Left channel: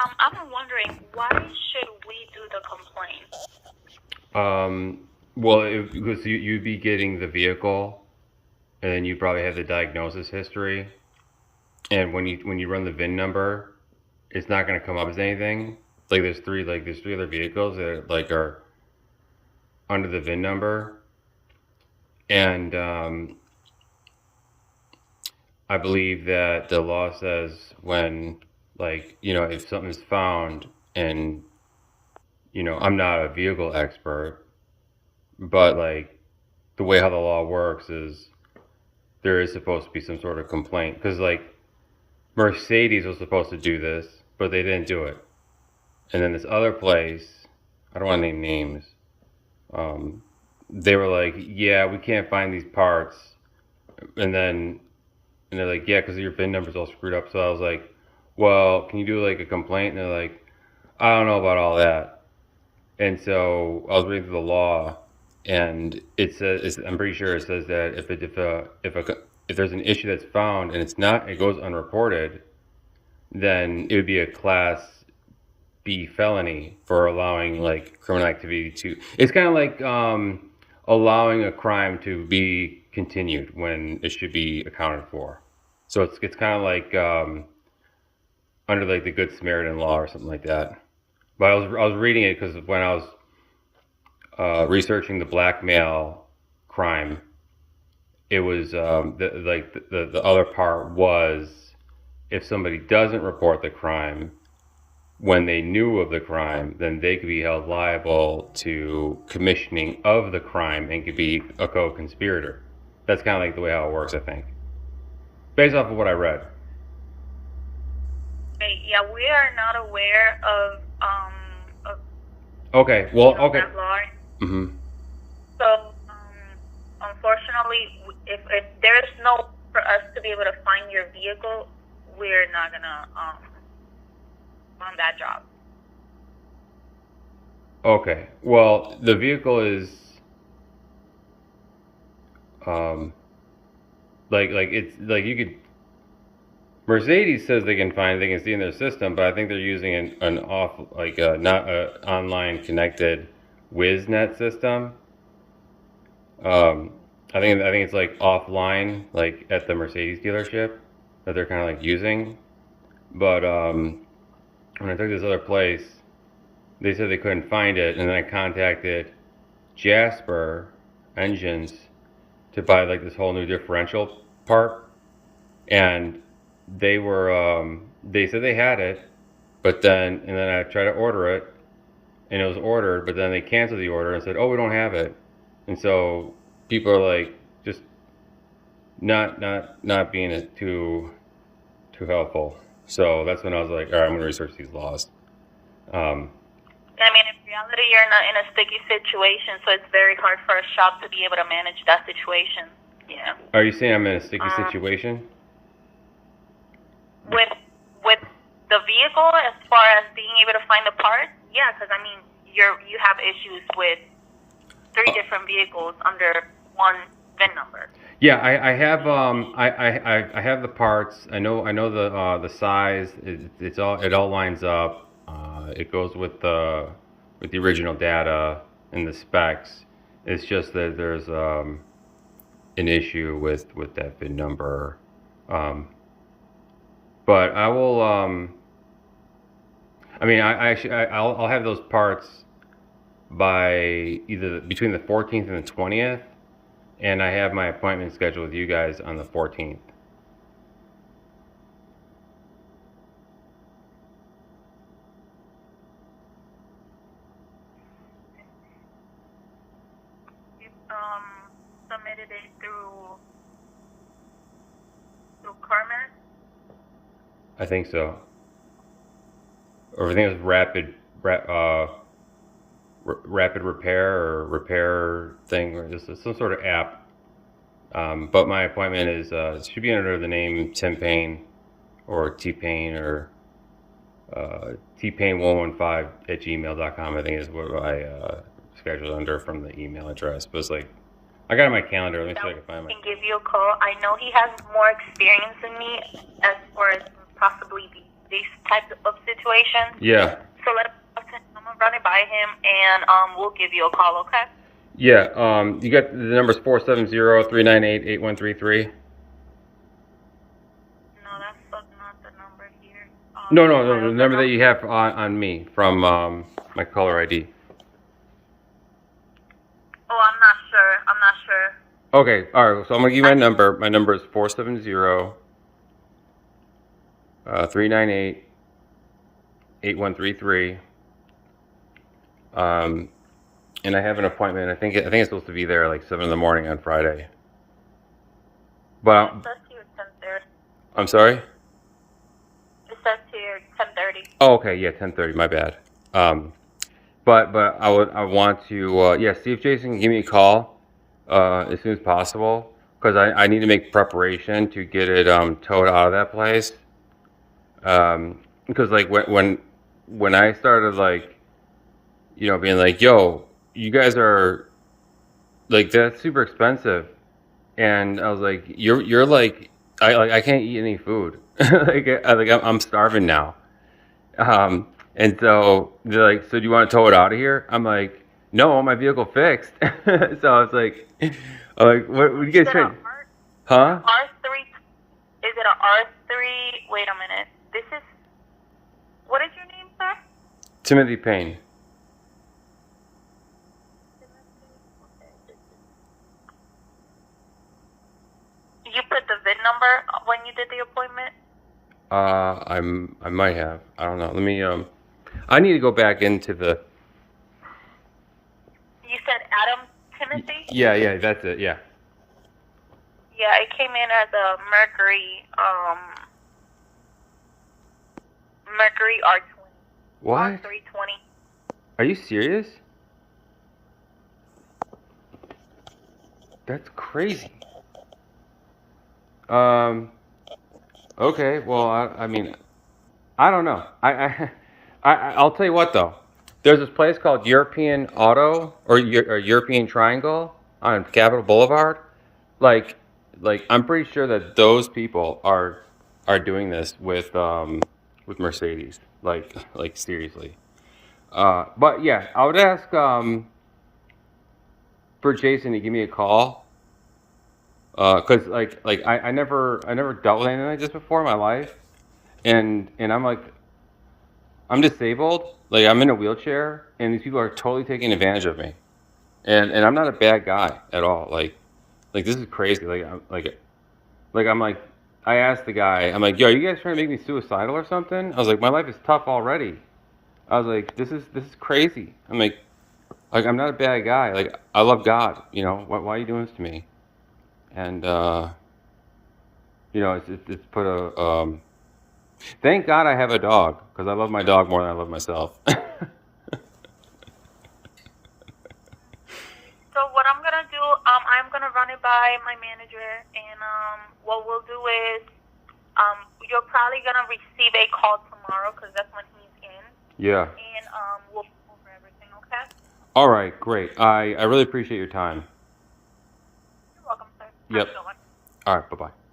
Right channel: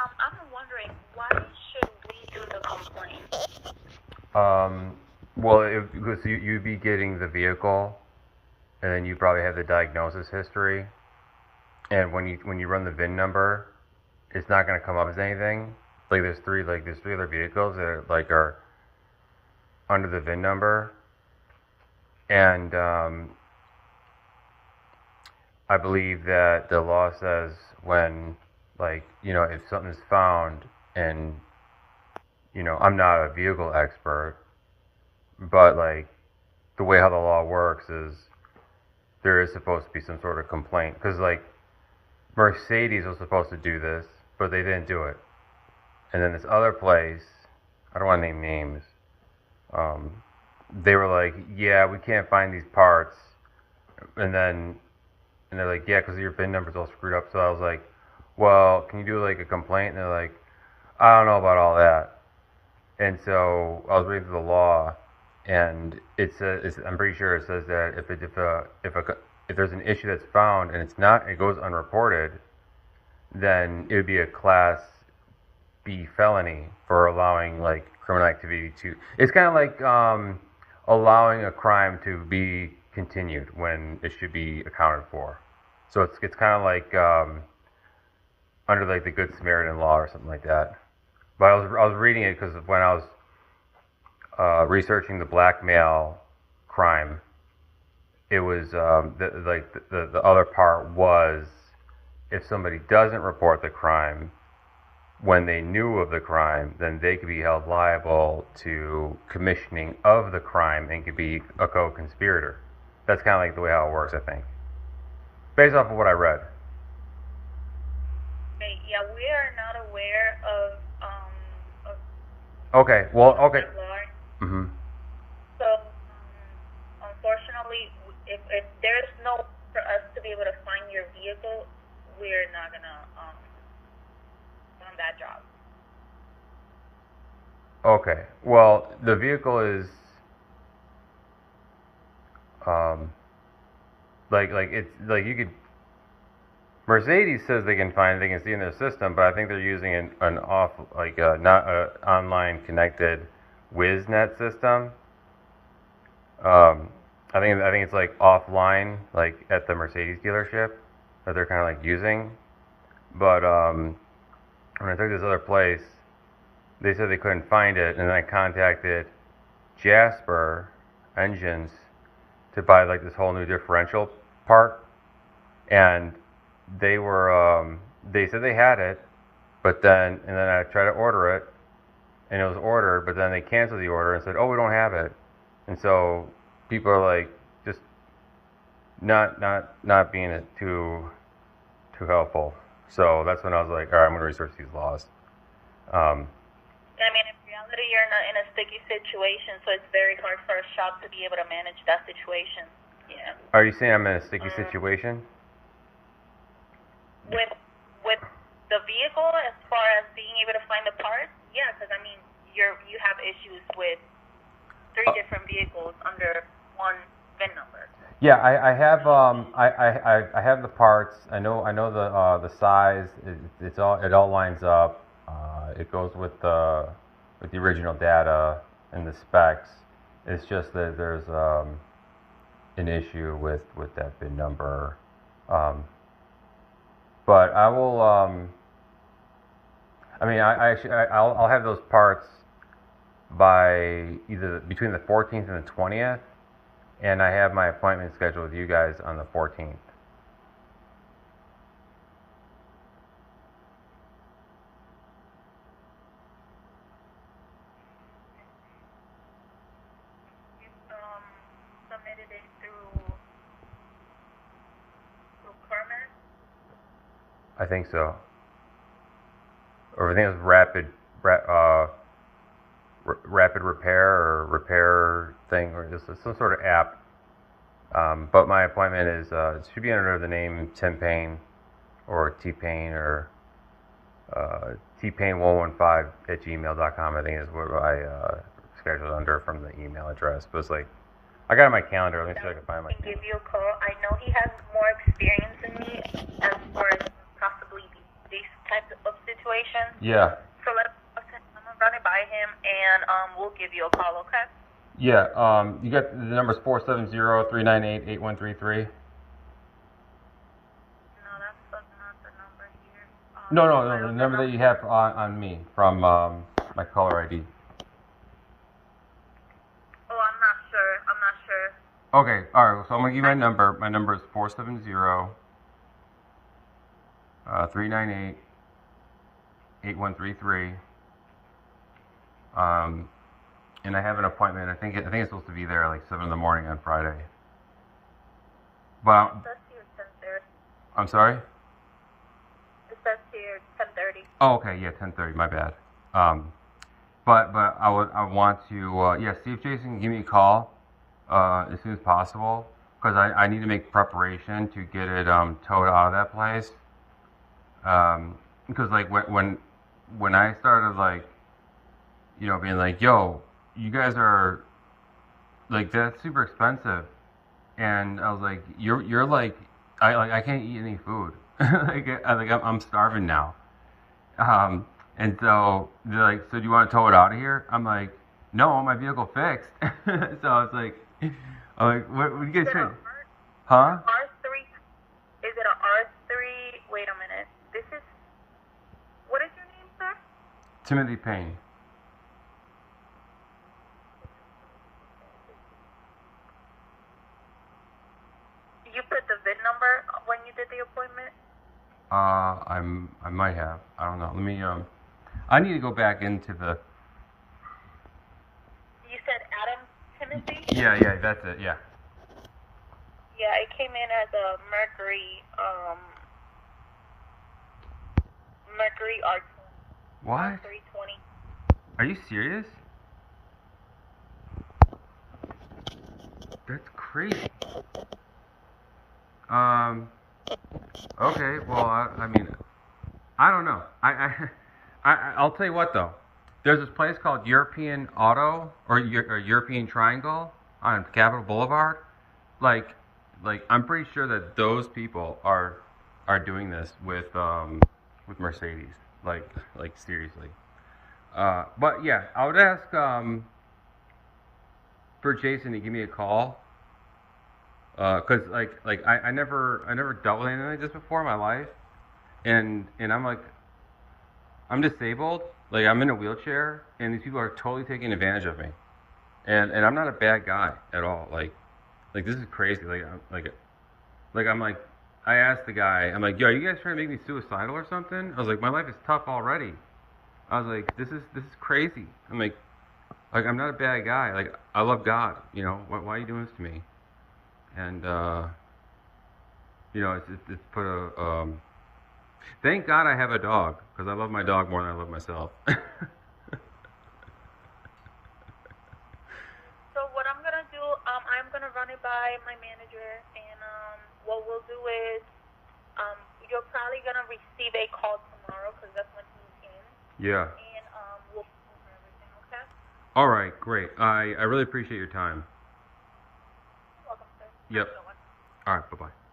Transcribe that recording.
I'm wondering why should we do the complaint? Well, because you'd be getting the vehicle, and then you probably have the diagnosis history, and when you run the VIN number, it's not going to come up as anything. There's three other vehicles that are under the VIN number, and I believe that the law says when if something's found and I'm not a vehicle expert, but the way how the law works is there is supposed to be some sort of complaint because Mercedes was supposed to do this, but they didn't do it. And then this other place, I don't want to name names, they were like, yeah, we can't find these parts. And they're like, yeah, because your VIN number's all screwed up. So I was like, well, can you do a complaint? And they're like, I don't know about all that. And so I was reading through the law, and it says, I'm pretty sure it says that if there's an issue that's found and it goes unreported, then it would be a class B felony for allowing criminal activity to. It's kind of like allowing a crime to be continued when it should be accounted for. So it's kind of like under the Good Samaritan law or something like that. But I was reading it because when I was researching the blackmail crime, it was the other part was if somebody doesn't report the crime when they knew of the crime, then they could be held liable to commissioning of the crime and could be a co-conspirator. That's kind of the way how it works, I think, based off of what I read. Yeah, we are not aware of Okay. Well. Okay. that law. Mm-hmm. So, unfortunately, if there is no for us to be able to find your vehicle, we're not gonna on that job. Okay. Well, the vehicle is it's you could. Mercedes says they can see in their system, but I think they're using an off not a online connected WizNet system. I think it's offline, at the Mercedes dealership that they're kind of using. But when I took this other place, they said they couldn't find it, and then I contacted Jasper Engines to buy this whole new differential part, and they said they had it, but then I tried to order it, and it was ordered, but then they canceled the order and said, oh, we don't have it. And so people are just not being too helpful. So that's when I was like, all right, I'm going to research these laws. I mean, in reality, you're not in a sticky situation, so it's very hard for a shop to be able to manage that situation. Yeah. Are you saying I'm in a sticky situation? With the vehicle, as far as being able to find the parts, yeah, because I mean, you have issues with three different vehicles under one VIN number. Yeah, I have I have the parts. I know the size. It all lines up. It goes with the original data and the specs. It's just that there's an issue with that VIN number. But I will. I mean, I'll have those parts by either between the 14th and the 20th, and I have my appointment scheduled with you guys on the 14th. Submitted it through Carmen. I think so. Or I think it was rapid repair or repair thing, or this is some sort of app. But my appointment is it should be under the name Tim Payne or T Payne or tpayne115@gmail.com. I think is what I scheduled under from the email address. But it's I got it on my calendar. Let me see if I can find my. I can give you a call. I know he has more experience than me as far as possibly these types of situations. situation. Yeah. So I'm gonna run it by him, and we'll give you a call, okay? Yeah. You got the numbers 470-398-8133. No, that's not the number here. No, the number that you have on me from my caller ID. Oh, I'm not sure. Okay, all right. So I'm gonna give you my number. My number is 470-398-8133. And I have an appointment. I think it's supposed to be there like 7 in the morning on Friday. But It says here 10:30. I'm sorry. It says here 10:30. Oh, okay. Yeah, 10:30. My bad. But I want to see if Jason can give me a call as soon as possible, because I need to make preparation to get it towed out of that place. Because like when I started like being like, yo, you guys are like, that's super expensive, and I was like, you're like, I can't eat any food. I'm starving now. And so they're like, so do you want to tow it out of here? I'm like, no, I want my vehicle fixed. So I was like, what you guys trying? Huh? R3? Is it a R3? Wait a minute. This is. What is your name, sir? Timothy Payne. You put the VIN number when you did the appointment? I might have. I don't know. Let me I need to go back into the. You said Adam Timothy? Yeah, that's it. Yeah. Yeah, it came in as a Mercury R20. What? R320. Are you serious? That's crazy. Okay. Well, I mean, I don't know. I'll tell you what though. There's this place called European Auto or European Triangle on Capitol Boulevard. Like I'm pretty sure that those people are doing this with Mercedes. Like seriously. But yeah, I would ask for Jason to give me a call. Cause I never dealt with anything like this before in my life, and I'm disabled, like I'm in a wheelchair, and these people are totally taking advantage of me, and I'm not a bad guy at all, like this is crazy, I asked the guy, I'm like, yo, are you guys trying to make me suicidal or something? I was like, my life is tough already. I was like, this is crazy. I'm like I'm not a bad guy, like I love God, why are you doing this to me? And it's put a thank God I have a dog, because I love my dog more than I love myself. So what I'm gonna do, I'm gonna run it by my manager, and what we'll do is, you're probably gonna receive a call tomorrow, because that's when he's in. Yeah. And we'll go over everything, okay? All right, great. I really appreciate your time. You're welcome, sir. Yep. Have a good one. All right, bye-bye.